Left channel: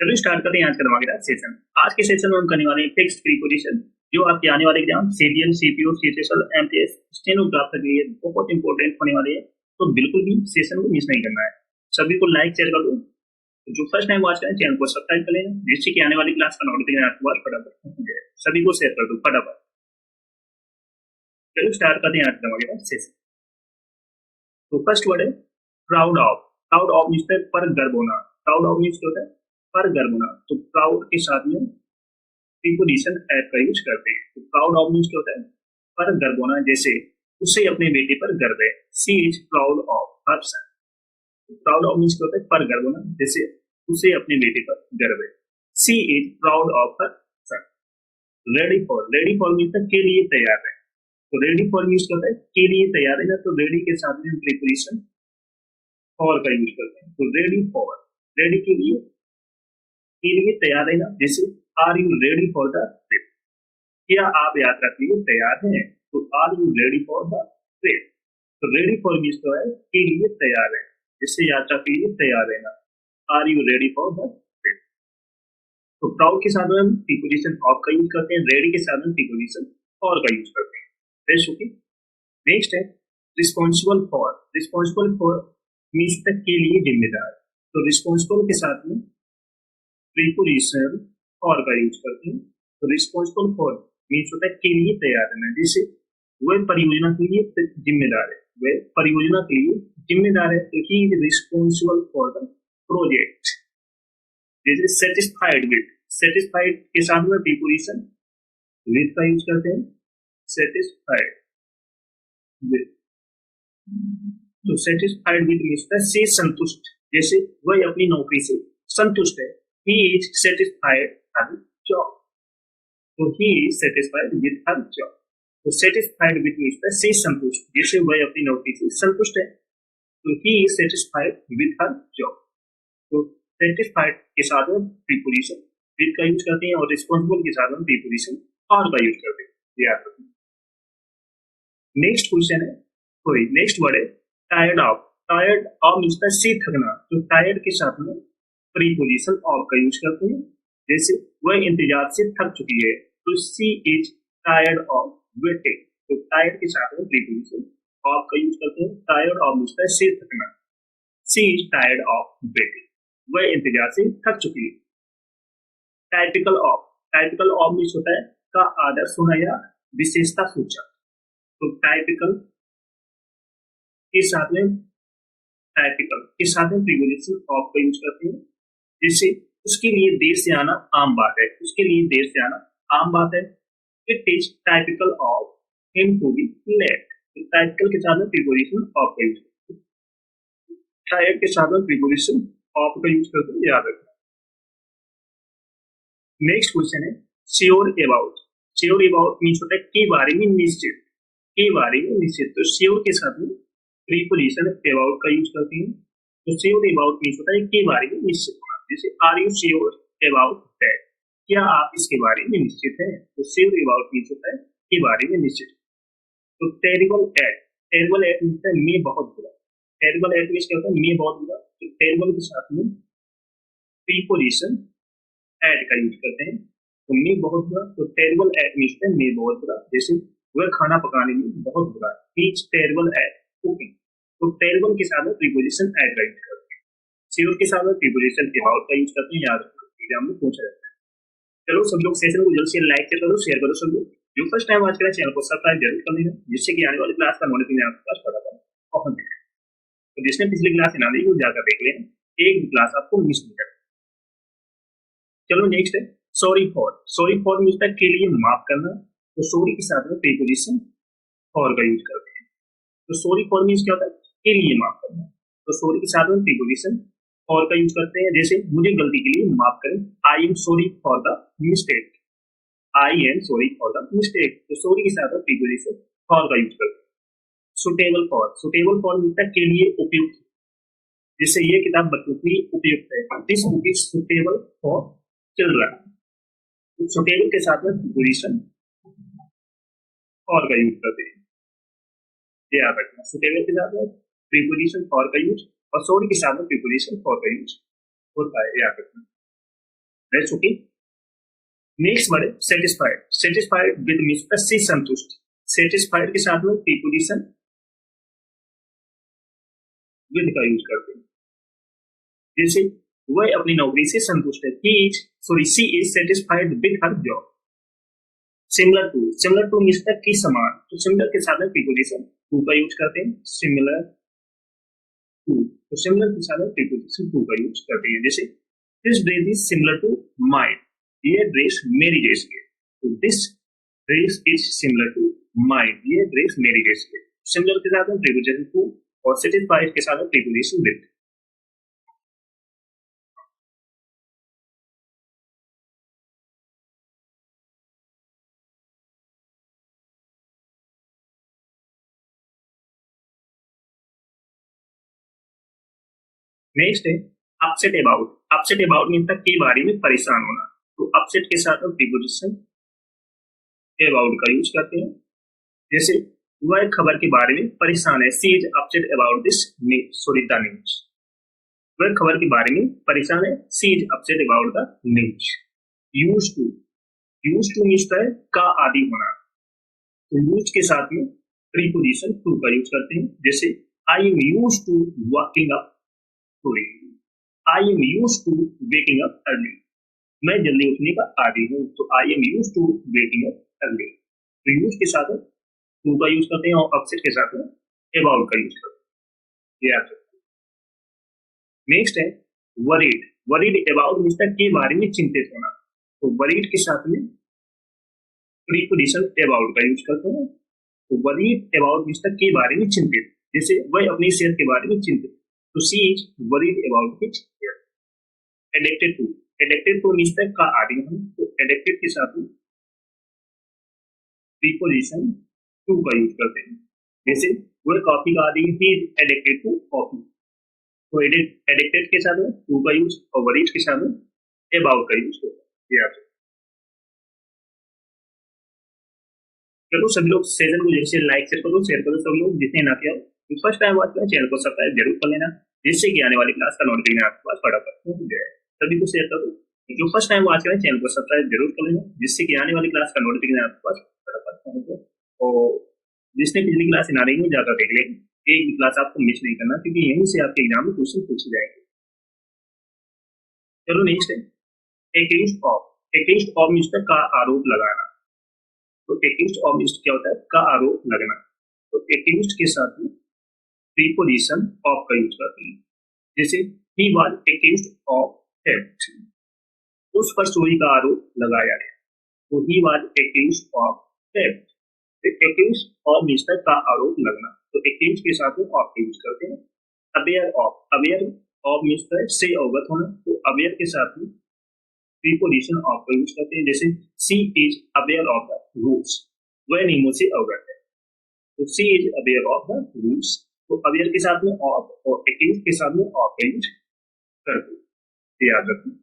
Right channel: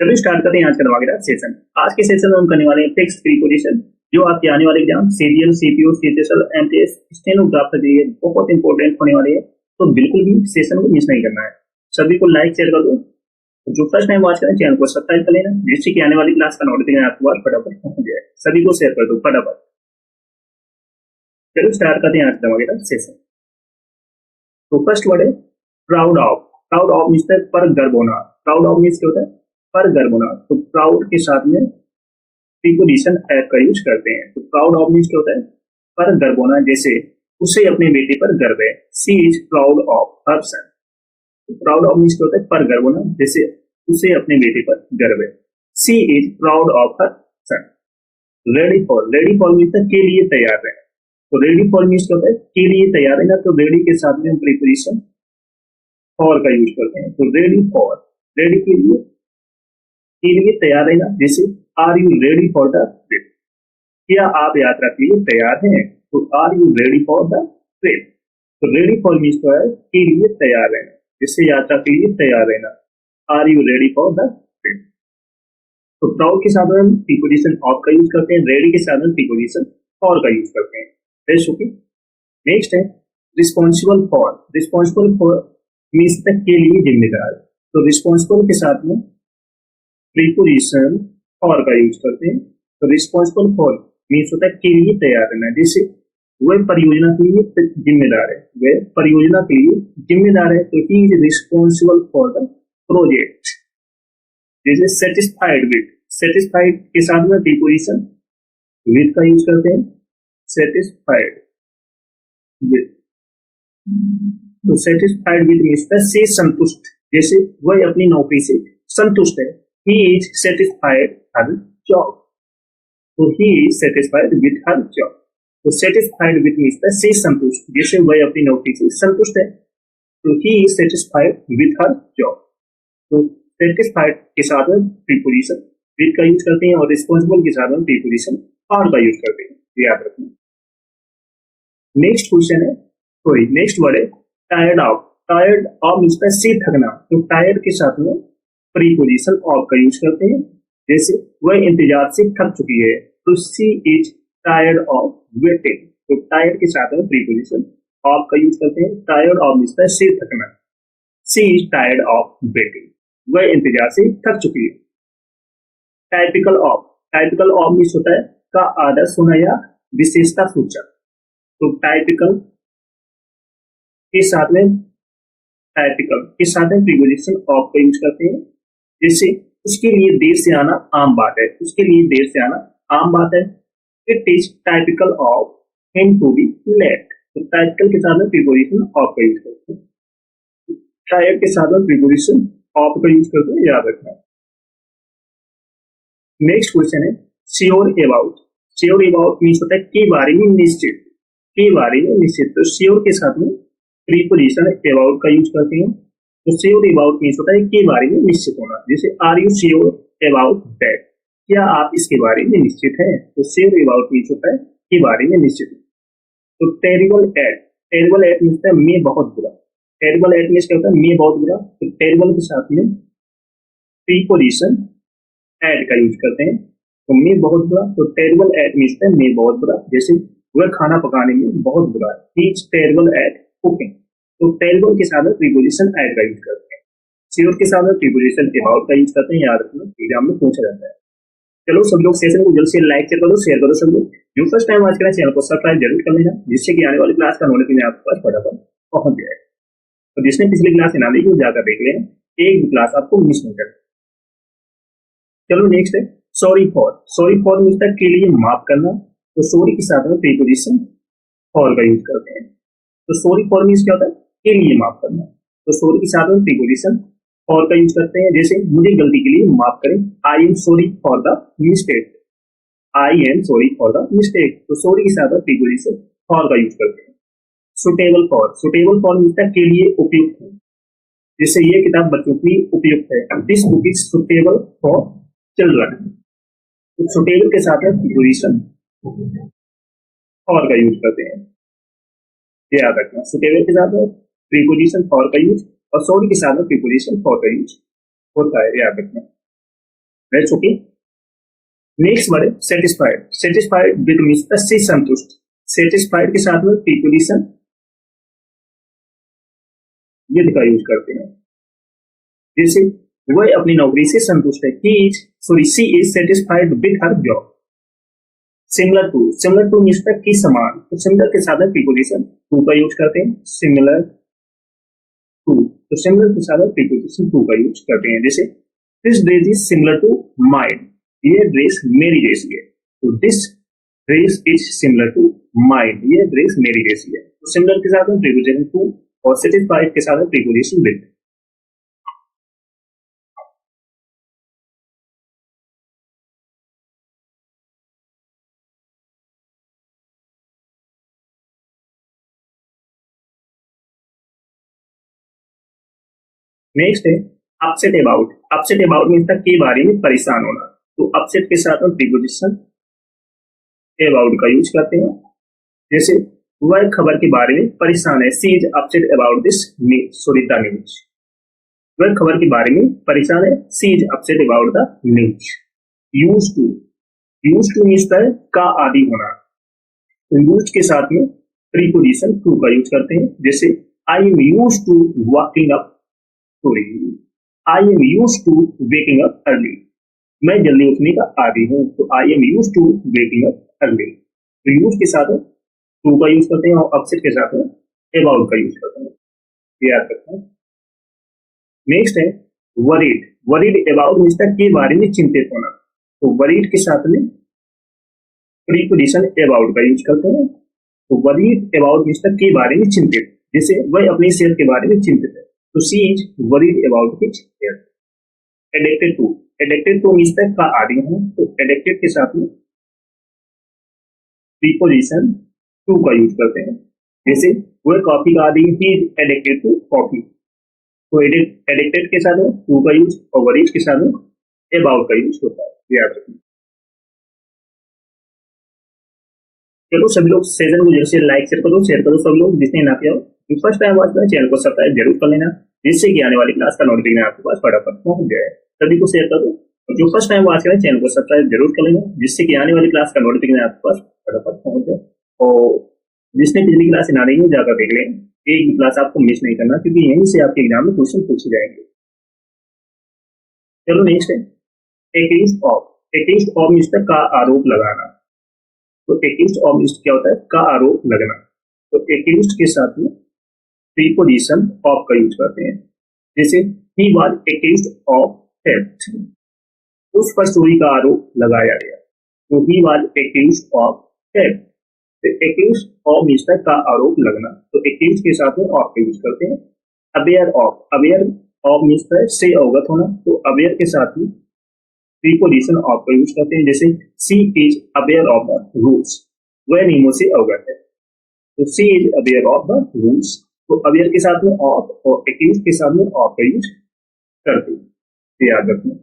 चलो स्टार्ट करते हैं आज का धमाकेदार सेशन। आज के सेशन में हम करने वाले हैं फिक्स्ड प्रीपोजिशन, जो आपके आने वाले exam serial, CPO, CHSL, MTS, stenographer के लिए बहुत इंपॉर्टेंट होने वाले हैं। तो बिल्कुल भी सेशन को मिस नहीं करना है। सभी को लाइक शेयर कर दो। जो फर्स्ट टाइम वॉच करें चैनल को सब्सक्राइब कर लेना, जिससे कि आने वाली क्लास का नोटिफिकेशन आपके पास फटाफट पहुंच जाए। सभी को शेयर कर दो फटाफट। चलो स्टार्ट करते हैं आज का धमाकेदार सेशन। तो फर्स्ट वर्ड है proud of. Proud of means पर गर्व होना। प्राउड ऑफ मीन्स क्या होता है? पर गर्व होना। तो प्राउड के साथ में प्रीपोजिशन एप का यूज करते हैं। तो प्राउड ऑफ मीन्स क्या होता है? पर गर्व होना। जैसे उसे अपने बेटे पर गर्व है, she is proud of her son. Proud of means क्या होता है? पर गर्व होना। जैसे उसे अपने बेटे पर गर्व है, she is proud of her son. Ready for. Ready for means के लिए तैयार है। तो रेडी फॉर मीन्स क्या होता है? के लिए तैयार है ना। तो रेडी के साथ में हम प्रीपोजिशन फॉर का यूज करते हैं। तो रेडी फॉर, रेडी के लिए तैयार रहना। जैसे are you ready for the trip? क्या आप यात्रा के लिए तैयार हैं? तो are you ready for the trip? तो रेडी फॉर मीन्स तो है के लिए तैयार रहना, जिससे यात्रा के लिए तैयार रहना। Are you ready for the trip? तो प्राउड के साथ में हम प्रीपोजिशन ऑफ का यूज करते हैं, रेडी के साथ में प्रीपोजिशन फॉर का यूज करते हैं। नेक्स्ट है responsible for. Responsible for means तक के लिए जिम्मेदार। तो रिस्पॉन्सिबल के साथ में प्रीपोजिशन फॉर का यूज करते हैं। तो रिस्पॉन्सिबल फॉर मीन्स होता है के लिए तैयार रहना। जैसे वह परियोजना के लिए जिम्मेदार है, वह परियोजना के लिए जिम्मेदार है। तो he is responsible for the project. जैसे सेटिस्फाइड विद, सेटिस्फाइड के साथ में प्रीपोजिशन विद का यूज करते हैं। सेटिस्फाइड विद, तो सेटिस्फाइड विद मीन्स से संतुष्ट। जैसे वह अपनी नौकरी से संतुष्ट है, he is satisfied her job। तो he is satisfied with her job। तो satisfied with मीन्स से संतुष्ट। जैसे वह अपनी नौकरी से संतुष्ट है, तो he is satisfied with her job। तो satisfied के साथ में प्रीपोजिशन with का यूज करते हैं और रिस्पॉन्सिबल के साथ में प्रीपोजिशन or का यूज करते हैं, याद रखना। नेक्स्ट क्वेश्चन है, सॉरी नेक्स्ट वर्ड है tired of. Tired of means से थकना। तो टायर्ड के साथ में प्रीपोजिशन ऑफ का यूज करते हैं। जैसे वह इंतजार से थक चुकी है, तो सी इज टायर्ड ऑफ वेटिंग। तो टायर्ड के साथ में प्रीपोजिशन ऑफ का यूज करते हैं। टायर्ड ऑफ मीन्स से थकना, सी इज टायर्ड ऑफ वेटिंग। वह इंतजार से थक चुकी है। Typical of. Typical of means होता है का आदर्श होना या विशेषता सूचक। तो टाइपिकल के साथ में प्रीपोजिशन ऑफ का यूज करते हैं। जैसे उसके लिए देर से आना आम बात है, उसके लिए देर से आना आम बात है। It is typical of him to be late. तो टाइपिकल के साथ में प्रीपोजिशन ऑफ का यूज करते हैं। टायर्ड के साथ में प्रीपोजिशन ऑफ का यूज करते हैं, याद रखना। नेक्स्ट क्वेश्चन है sure about. Sure about means होता है के बारे में निश्चित, के बारे में निश्चित। तो श्योर के साथ में प्रीपोजिशन अबाउट का यूज करते हैं। तो श्योर अबाउट मीन्स होता है के बारे में निश्चित होना। जैसे are you sure about that? क्या आप इसके बारे में निश्चित हैं? तो श्योर अबाउट मीन्स होता है के बारे में निश्चित। तो terrible at. Terrible at means होता है मैं बहुत बुरा। टेरिबल एट मीन्स क्या होता है? मैं बहुत बुरा। तो टेरिबल के साथ में प्रीपोजिशन एट का यूज करते हैं। तो मैं बहुत बुरा, तो टेरिबल एट मीन्स होता है मैं बहुत बुरा। जैसे वह खाना पकाने में बहुत बुरा है, he is terrible at cooking. तो टेरिबल के साथ में प्रीपोजिशन एट का यूज करते हैं। श्योर के साथ में प्रीपोजिशन अबाउट का यूज करते हैं, याद रखना, एग्जाम में पूछा जाता है। चलो सब लोग सेशन को जल्द से लाइक कर दो, शेयर करो। सब लोग जो फर्स्ट टाइम वॉच करें चैनल को सब्सक्राइब जरूर कर लेना, जिससे कि आने वाली क्लास का नोटिफिकेशन आपके पास फटाफट पहुंच जाए। तो जिसने पिछली क्लास ना देखी जाकर देख लेना, एक भी क्लास आपको मिस नहीं करना। चलो नेक्स्ट है sorry for. Sorry for means के लिए माफ करना। तो सॉरी के साथ में प्रीपोजिशन फॉर का यूज करते हैं। तो सॉरी फॉर मीन्स क्या होता है? के लिए माफ करना। तो सॉरी के साथ में प्रीपोजिशन फॉर का यूज करते हैं। जैसे मुझे गलती के लिए माफ करें, I am sorry for the mistake. I am sorry for the mistake. तो सॉरी के साथ में प्रीपोजिशन फॉर का यूज करते हैं। Suitable for. Suitable for means के लिए उपयुक्त है। जैसे ये किताब बच्चों के लिए उपयुक्त है, this book is suitable for children. तो सुटेबल के साथ में प्रीपोजिशन फॉर का यूज करते हैं, याद रखना। सुटेबल के साथ में प्रीपोजिशन फॉर का यूज और सॉरी के साथ में प्रीपोजिशन फॉर का यूज होता है, याद रखना। That's okay. नेक्स्ट वर्ड है सेटिस्फाइड। सेटिस्फाइड विद मींस से संतुष्ट। सेटिस्फाइड के साथ में प्रीपोजिशन विद का यूज करते हैं। जैसे वह अपनी नौकरी से संतुष्ट है, she is satisfied with her job. Similar to means की समान, तो सिमिलर के साथ में प्रीपोजिशन टू का यूज करते हैं। सिमिलर टू, तो सिमिलर के साथ में प्रीपोजिशन टू का यूज करते हैं। जैसे this dress is similar to mine, ये ड्रेस मेरी जैसी है। तो this dress is similar to mine, ये ड्रेस मेरी जैसी है। तो सिमिलर के साथ में प्रीपोजिशन टू और सेटिस्फाइड के साथ में प्रीपोजिशन विद। नेक्स्ट है upset about. Upset about means के बारे में परेशान होना। तो अपसेट के साथ में प्रीपोजिशन अबाउट का यूज करते हैं। जैसे वह खबर के बारे में परेशान है, she is upset about this the news. वह खबर के बारे में परेशान है, she is upset about the news. Use to means का आदि होना। तो यूज के साथ में प्रीपोजिशन टू का यूज करते हैं। जैसे I am use to walking up sorry I am use to waking up early. मैं जल्दी उठने का आदी हूँ, तो I am use to waking up early. तो यूज के साथ टू का यूज करते हैं और अपसेट के साथ अबाउट का यूज करते हैं, याद रखना। नेक्स्ट है वरीड। वरीड अबाउट मींस के बारे में चिंतित होना। तो वरीड के साथ में प्रीपोजिशन अबाउट का यूज करते हैं। तो वरीड अबाउट मींस के बारे में चिंतित, जैसे वह अपनी सेहत के बारे में चिंतित है। तो she is worried about his health. Addicted to means का आदि हूं, तो एडिक्टेड के साथ में प्रीपोजिशन टू का यूज करते हैं। जैसे वह कॉफी का आदि, he is addicted to coffee. तो एडिक्टेड के साथ में टू का यूज और वरीड के साथ में अबाउट का यूज होता है, याद रखना। चलो सभी लोग सेशन को जैसे लाइक शेयर करो सब लोग जिसने ना किया हो। फर्स्ट टाइम वॉच करें चैनल को सब्सक्राइब जरूर कर लेना, जिससे कि आने वाली क्लास का नोटिफिकेशन आपके पास फटाफट पहुंच जाए। सभी को शेयर करो और जो फर्स्ट टाइम वॉच करें चैनल को सब्सक्राइब जरूर कर लेना, जिससे कि आने वाली क्लास का नोटिफिकेशन आपके पास फटाफट पहुंच जाए। और जिसने पिछली क्लास ना रही है जाकर देख लें, एक भी क्लास आपको मिस नहीं करना, क्योंकि यहीं से आपके एग्जाम में क्वेश्चन पूछे जाएंगे। चलो नेक्स्ट है accused of. Accused of means का आरोप लगाना। तो एक्यूज्ड ऑफ मींस क्या होता है, का आरोप लगना। तो एक्यूज्ड के साथ में प्रीपोजिशन ऑफ का यूज करते हैं। जैसे he was accused of theft, उस पर चोरी का आरोप लगाया गया। तो he was accused of theft. तो एक्यूज्ड ऑफ मींस का आरोप लगना, तो एक्यूज्ड के साथ में ऑफ का यूज करते हैं। अवेयर ऑफ मींस से अवगत होना, तो अवेयर के साथ में प्रीपोजिशन ऑफ का यूज करते हैं। जैसे she is aware of the rules, वह नियमों से अवगत है। तो she is aware of the rules. तो अवेयर के साथ में ऑफ और एक्यूज्ड के साथ में ऑफ का यूज करते हैं, याद रखना।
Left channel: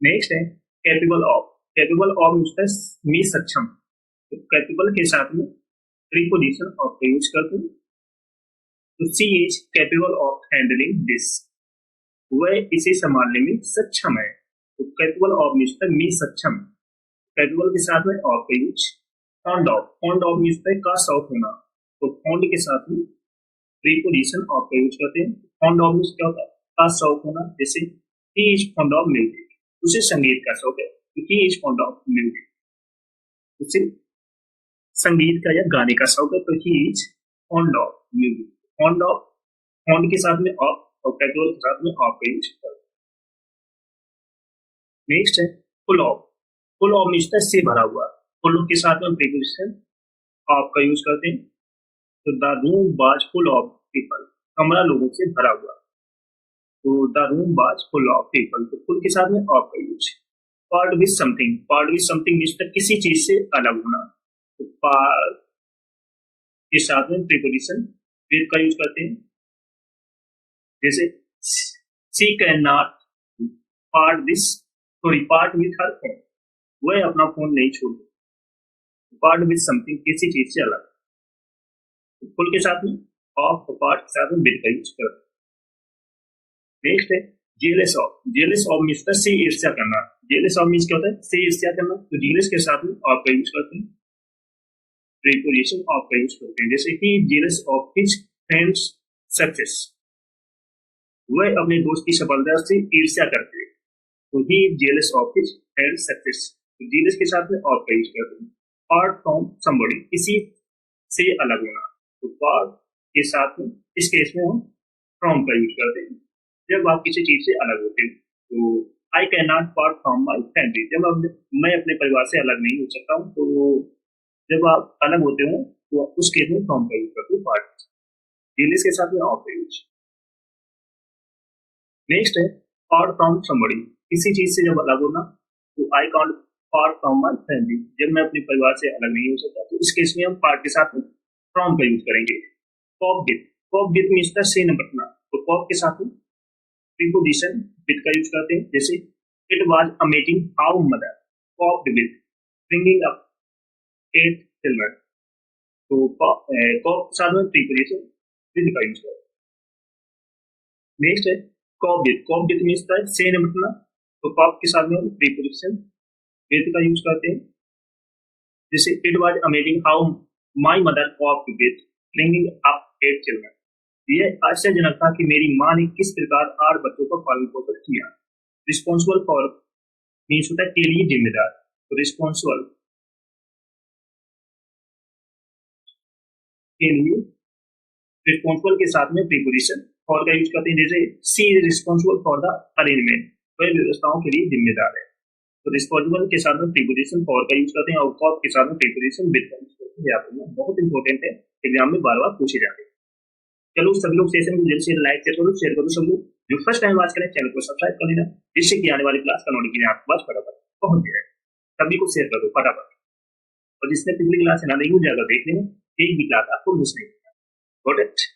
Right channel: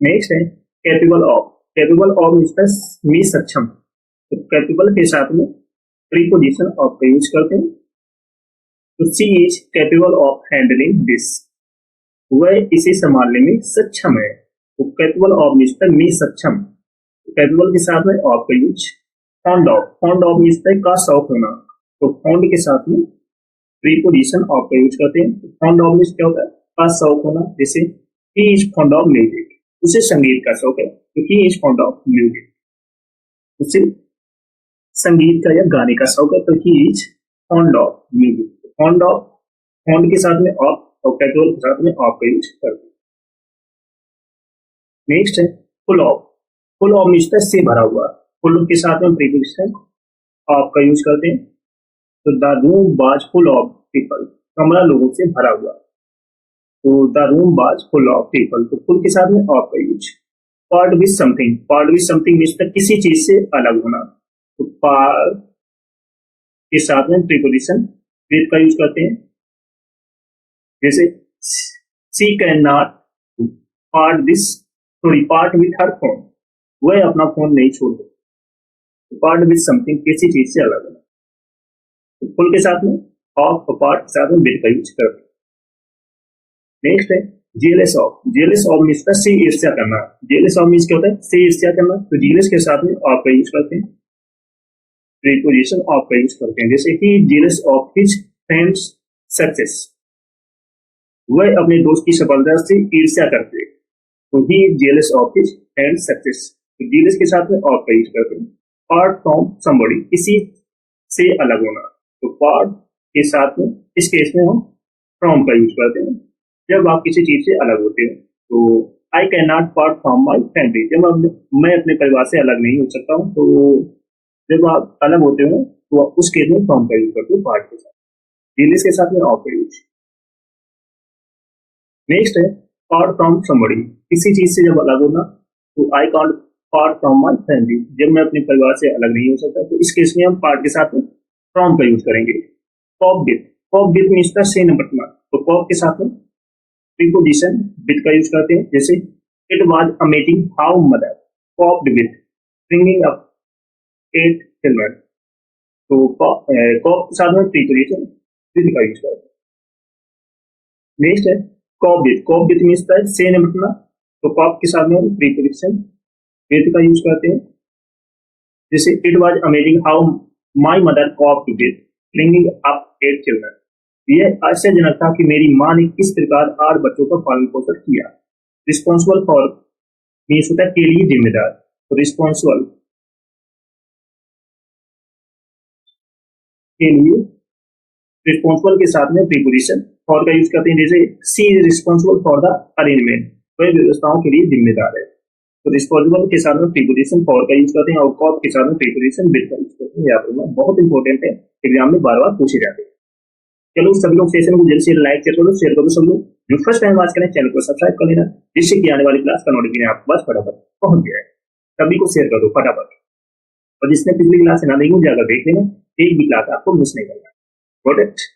नेक्स्ट है capable of. Capable of means में सक्षम। तो कैपेबल के साथ में प्रीपोजिशन ऑफ का यूज करते हैं। तो she is capable of handling this, वह इसे संभालने में सक्षम है। तो कैपेबल ऑफ मींस में सक्षम। कैपेबल के साथ में ऑफ का यूज। फॉन्ड ऑफ मींस का शौक होना। तो फॉन्ड के साथ में प्रीपोजिशन ऑफ का यूज करते हैं। फॉन्ड ऑफ मींस क्या होता है, का शौक होना। जैसे he is fond of music, उसे संगीत का शौक है। तो he is fond of music, उसे संगीत का या गाने का शौक है। तो he is fond of music. Fond के साथ में ऑफ और कैपेबल के साथ में ऑफ का यूज करते हैं। नेक्स्ट है full of. Full of means से भरा हुआ। फुल के साथ में प्रीपोजिशन ऑफ का यूज करते हैं। तो the room was full of people, कमरा लोगों से भरा हुआ। तो the room was full of people, तो फुल के साथ में ऑफ का use. Part with something means किसी चीज से अलग होना। तो पार्ट के साथ में प्रीपोजिशन विद का यूज करते हैं। जैसे she can not part with her phone, वह अपना फोन नहीं छोड़ सकती। पार्ट विथ समथिंग किसी चीज से अलग होना। तो फुल के साथ में ऑफ और पार्ट के साथ में विद का यूज करते हैं। नेक्स्ट है jealous of. Jealous of means से ईर्ष्या करना। जेलस ऑफ मीन्स क्या होता है? से ईर्ष्या करना। तो जेलस के साथ में ऑफ का यूज करते हैं, प्रीपोजिशन ऑफ का यूज करते हैं। जैसे he jealous of his friend's success, वह अपने दोस्त की सफलता से ईर्ष्या करते हैं। तो he jealous of his friend's success, तो जेलस के साथ में ऑफ का यूज करते हैं। पार्ट फ्रॉम समबडी, किसी से अलग होना। तो पार्ट के साथ में इस केस में हम फ्रॉम का यूज करते हैं जब आप किसी चीज से अलग होते हो। तो I can not part from my family, जब मैं अपने परिवार से अलग नहीं हो सकता हूँ। तो जब आप अलग होते हो तो उस केस में फ्रॉम का यूज करते हो पार्ट के साथ, जेलस के साथ में ऑफ का यूज। नेक्स्ट है पार्ट फ्रॉम समबडी, किसी चीज से जब अलग होना। तो I can't part from my family, जब मैं अपने परिवार से अलग नहीं हो सकता। तो इस केस में हम पार्ट के साथ में फ्रॉम का यूज करेंगे। Cope with, cope with means the से निपटना। तो कॉप के साथ में प्रीपोजिशन विथ का यूज करते हैं। जैसे it was amazing how mother coped with bringing up 8 children. तो कॉप के साथ में प्रीपोजिशन विथ का यूज करते हैं। नेक्स्ट है cope with. Cope with means the से निपटना। तो कॉप के साथ में हम प्रीपोजिशन विथ का यूज करते हैं। जैसे it was amazing how my mother coped with bringing up 8 children. यह आश्चर्यजनक था कि मेरी मां ने किस प्रकार 8 बच्चों का पालन पोषण किया। रिस्पॉन्सिबल फॉर मीन्स होता है के लिए जिम्मेदार। तो रिस्पॉन्सिबल के लिए, रिस्पॉन्सिबल के साथ में प्रीपोजिशन फॉर का यूज करते हैं। जैसे she is responsible for the arrangement, वह व्यवस्थाओं के लिए जिम्मेदार है। तो रिस्पॉन्सिबल के साथ में प्रीपोजिशन फॉर का यूज करते हैं और कॉप के साथ में प्रीपोजिशन विद का यूज करते हैं। यहाँ पर बहुत इंपॉर्टेंट है, एग्जाम में बार बार पूछे जाते हैं। चलो सभी लोग सेशन को जल्द से लाइक शेयर करो। सब लोग जो फर्स्ट टाइम बात करें चैनल को सब्सक्राइब कर लेना, जिससे कि आने वाली क्लास का नोटिफिकेशन आपके पास फटाफट पहुंच जाए। सभी को शेयर कर दो फटाफट, और जिसने पिछली क्लास से ना देखी हो जाकर देख लेना, एक भी क्लास आपको मिस नहीं करना। Got it?